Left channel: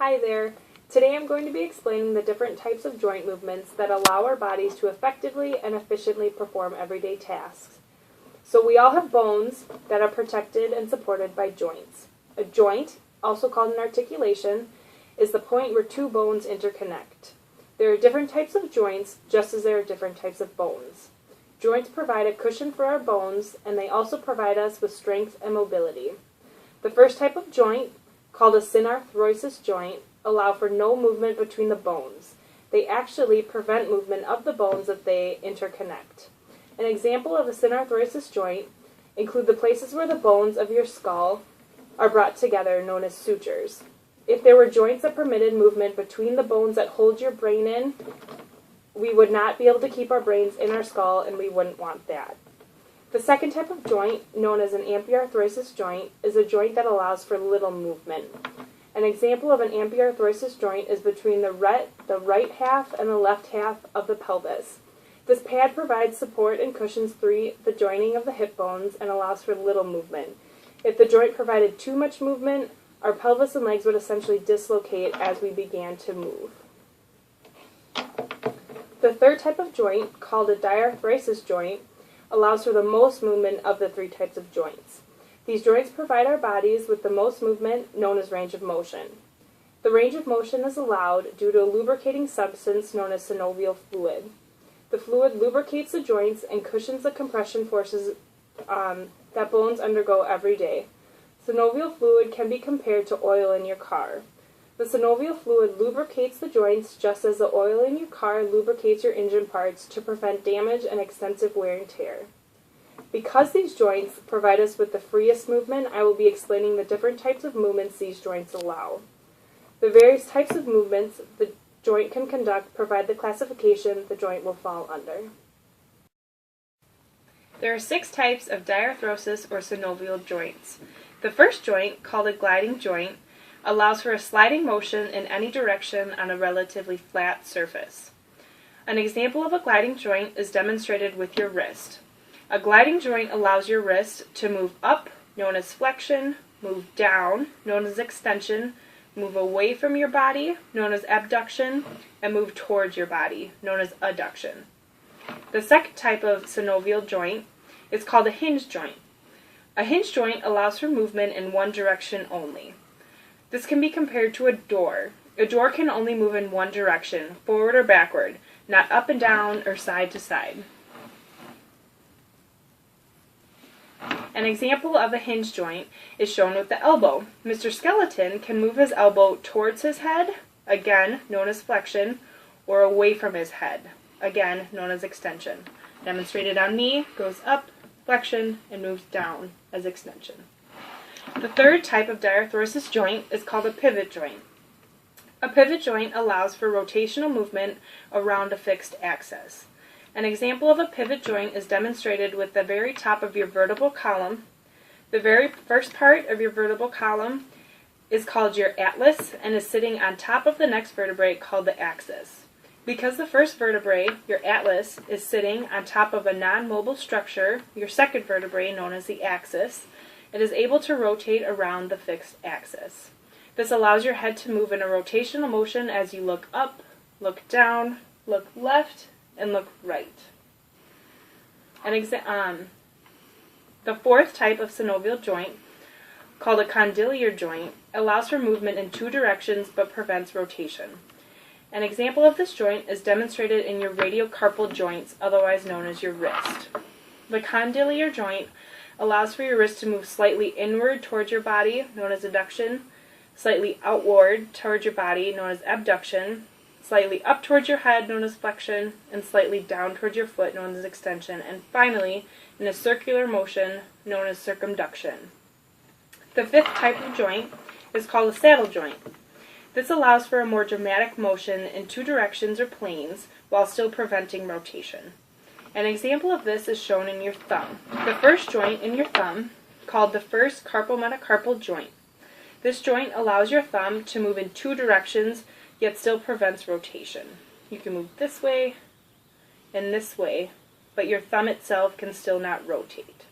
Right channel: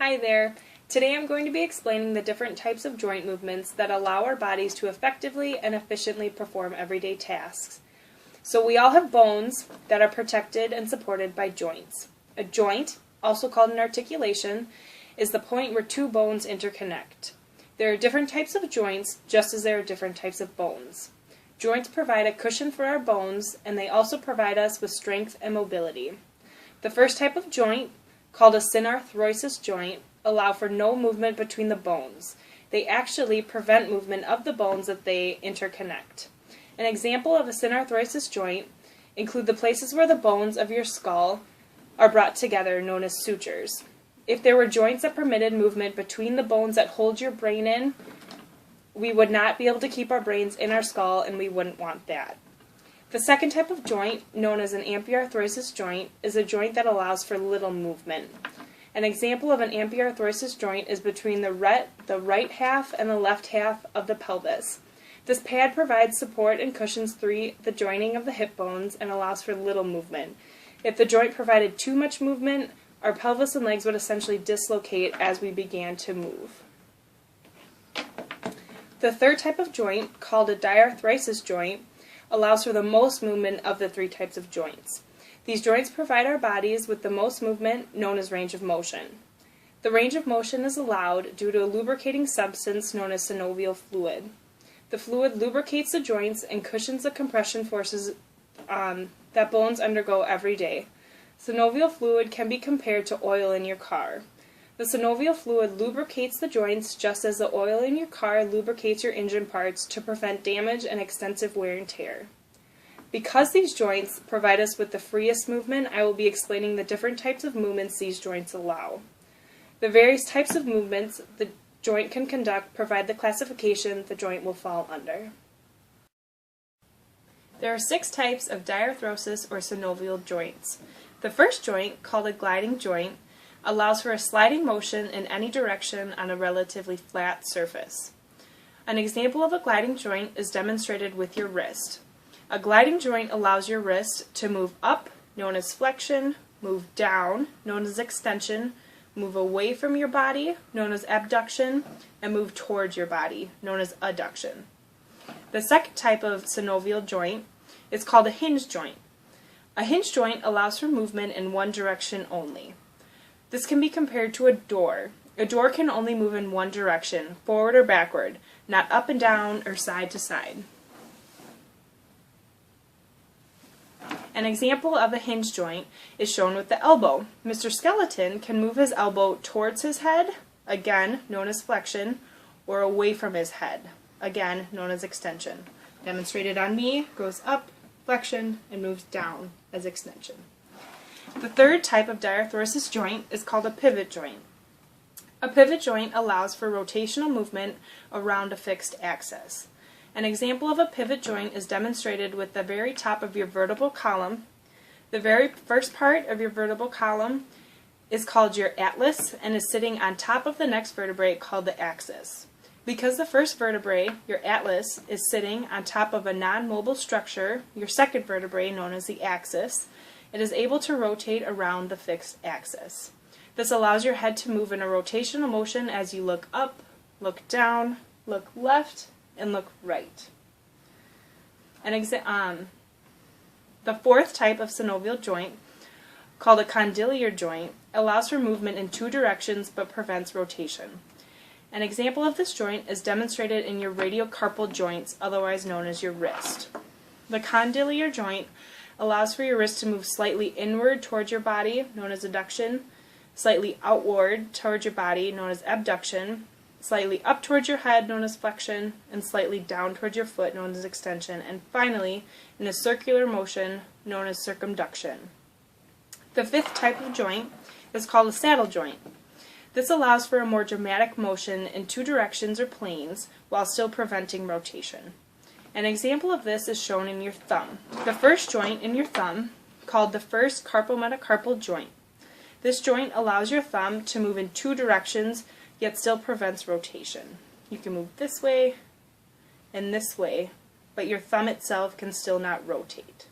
Hi there. Today I'm going to be explaining the different types of joint movements that allow our bodies to effectively and efficiently perform everyday tasks. So we all have bones that are protected and supported by joints. A joint, also called an articulation, is the point where two bones interconnect. There are different types of joints, just as there are different types of bones. Joints provide a cushion for our bones, and they also provide us with strength and mobility. The first type of joint, called a synarthrosis joint, allow for no movement between the bones. They actually prevent movement of the bones that they interconnect. An example of a synarthrosis joint include the places where the bones of your skull are brought together, known as sutures. If there were joints that permitted movement between the bones that hold your brain in, we would not be able to keep our brains in our skull, and we wouldn't want that. The second type of joint, known as an ampiarthrosis joint, is a joint that allows for little movement. An example of an ampiarthrosis joint is between the right half and the left half of the pelvis. This pad provides support and cushions the joining of the hip bones and allows for little movement. If the joint provided too much movement, our pelvis and legs would essentially dislocate as we began to move. The third type of joint, called a diarthrosis joint, allows for the most movement of the three types of joints. These joints provide our bodies with the most movement, known as range of motion. The range of motion is allowed due to a lubricating substance known as synovial fluid. The fluid lubricates the joints and cushions the compression forces that bones undergo every day. Synovial fluid can be compared to oil in your car. The synovial fluid lubricates the joints just as the oil in your car lubricates your engine parts to prevent damage and extensive wear and tear. Because these joints provide us with the freest movement, I will be explaining the different types of movements these joints allow. The various types of movements the joint can conduct provide the classification the joint will fall under. There are 6 types of diarthrosis or synovial joints. The first joint, called a gliding joint, allows for a sliding motion in any direction on a relatively flat surface. An example of a gliding joint is demonstrated with your wrist. A gliding joint allows your wrist to move up, known as flexion, move down, known as extension, move away from your body, known as abduction, and move towards your body, known as adduction. The second type of synovial joint is called a hinge joint. A hinge joint allows for movement in one direction only. This can be compared to a door. A door can only move in one direction, forward or backward, not up and down or side to side. An example of a hinge joint is shown with the elbow. Mr. Skeleton can move his elbow towards his head, again known as flexion, or away from his head, again known as extension. Demonstrated on me, goes up, flexion, and moves down as extension. The third type of diarthrosis joint is called a pivot joint. A pivot joint allows for rotational movement around a fixed axis. An example of a pivot joint is demonstrated with the very top of your vertebral column. The very first part of your vertebral column is called your atlas and is sitting on top of the next vertebrae called the axis. Because the first vertebrae, your atlas, is sitting on top of a non-mobile structure, your second vertebrae, known as the axis, it is able to rotate around the fixed axis. This allows your head to move in a rotational motion as you look up, look down, look left, and look right. The fourth type of synovial joint, called a condylar joint, allows for movement in 2 directions but prevents rotation. An example of this joint is demonstrated in your radiocarpal joints, otherwise known as your wrist. The condylar joint allows for your wrist to move slightly inward towards your body, known as adduction, slightly outward towards your body, known as abduction, slightly up towards your head, known as flexion, and slightly down towards your foot, known as extension, and finally, in a circular motion, known as circumduction. The fifth type of joint is called a saddle joint. This allows for a more dramatic motion in 2 directions or planes while still preventing rotation. An example of this is shown in your thumb. The first joint in your thumb, called the first carpometacarpal joint. This joint allows your thumb to move in 2 directions, yet still prevents rotation. You can move this way and this way, but your thumb itself can still not rotate.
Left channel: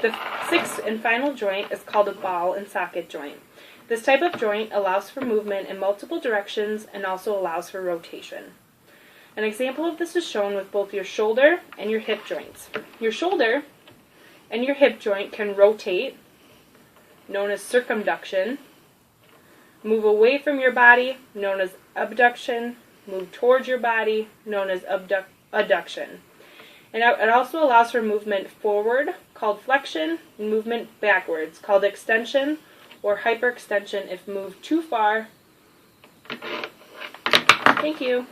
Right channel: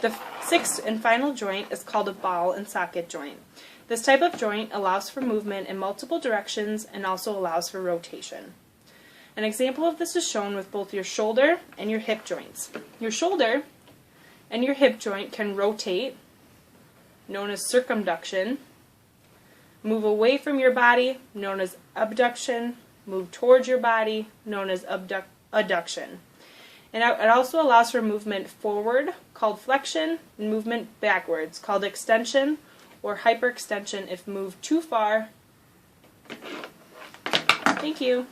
The sixth and final joint is called a ball and socket joint. This type of joint allows for movement in multiple directions and also allows for rotation. An example of this is shown with both your shoulder and your hip joints. Your shoulder and your hip joint can rotate, known as circumduction, move away from your body, known as abduction, move towards your body, known as adduction. And it also allows for movement forward, called flexion, and movement backwards, called extension, or hyperextension if moved too far. Thank you.